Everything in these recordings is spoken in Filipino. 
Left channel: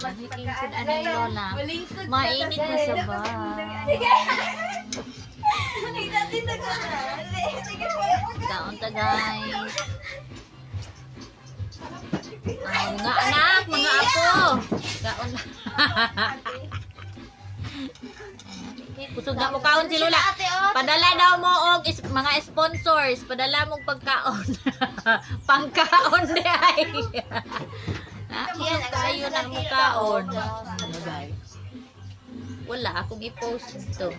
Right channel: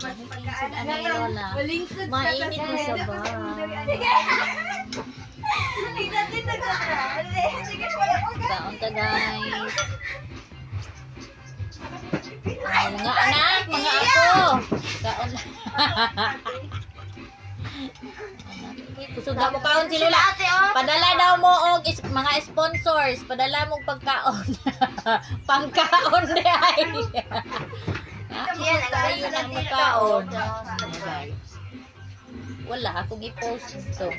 Insin ano ni Lola. Mainit mo sa ba? Kaon ta guys. Ay, mga anak, mga apo. Kaon. Kusog na mo kaon si Lola. Padala daw mo og mga sponsors. Padala mo pagkaon. Pangkaon di ay. Yan ang layo ng magkaon. Wala akong i-post ito.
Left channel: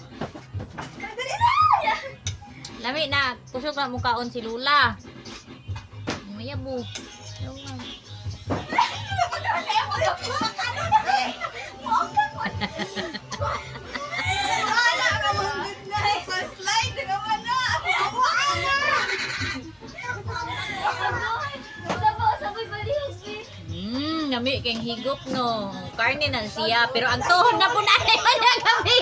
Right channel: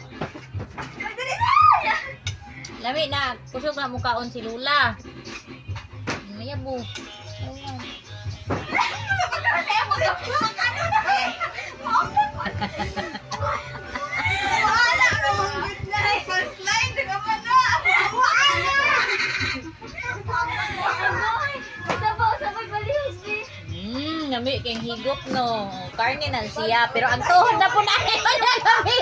Lami na, kusog na mo kaon si Lola. Maya mo. Nami keng higop no. Karne na siya, pero ang tuhod na po na niya kami.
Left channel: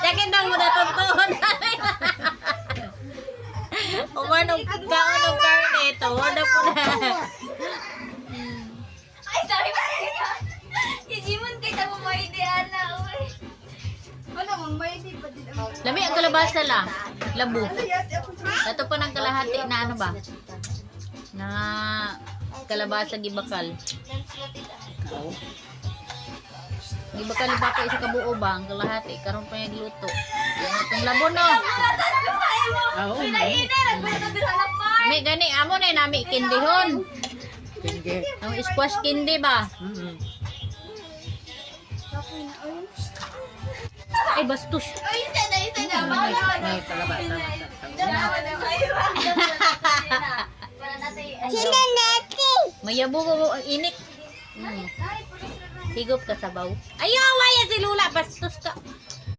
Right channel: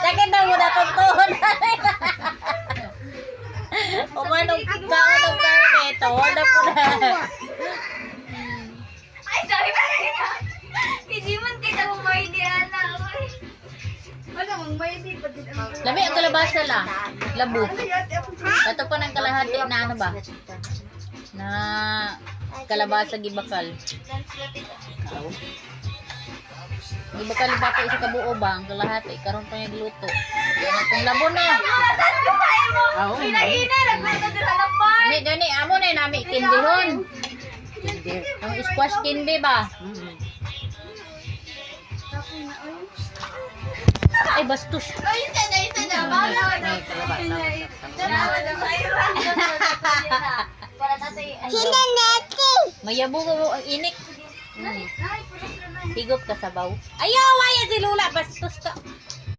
Sakit na mo na itong tuhod. Umanong kaon ng karne, tuhod na po na. Ay, sorry ba kita? Kijimon kita mo may diyan na. Ano mong may di pa din ang Lami ang kalabasa la. Labo. Ito po ng kalahati na ano ba? Na kalabasa gibakal. Gibakal ibako sa kabuo ba ang kalahati karon pa yung luto. Yan atong labo no. mo. Hina-hina nagluto din sa lapan. Ni gani amo na nami kindihon. Kindi. Ang squash kindi ba? Ay bastos. Ay, isa na. Bawala na. Para natin. Mayabo ko ang inik. Higop ka sa baw. Ayaw, waya si Lula bastos ka.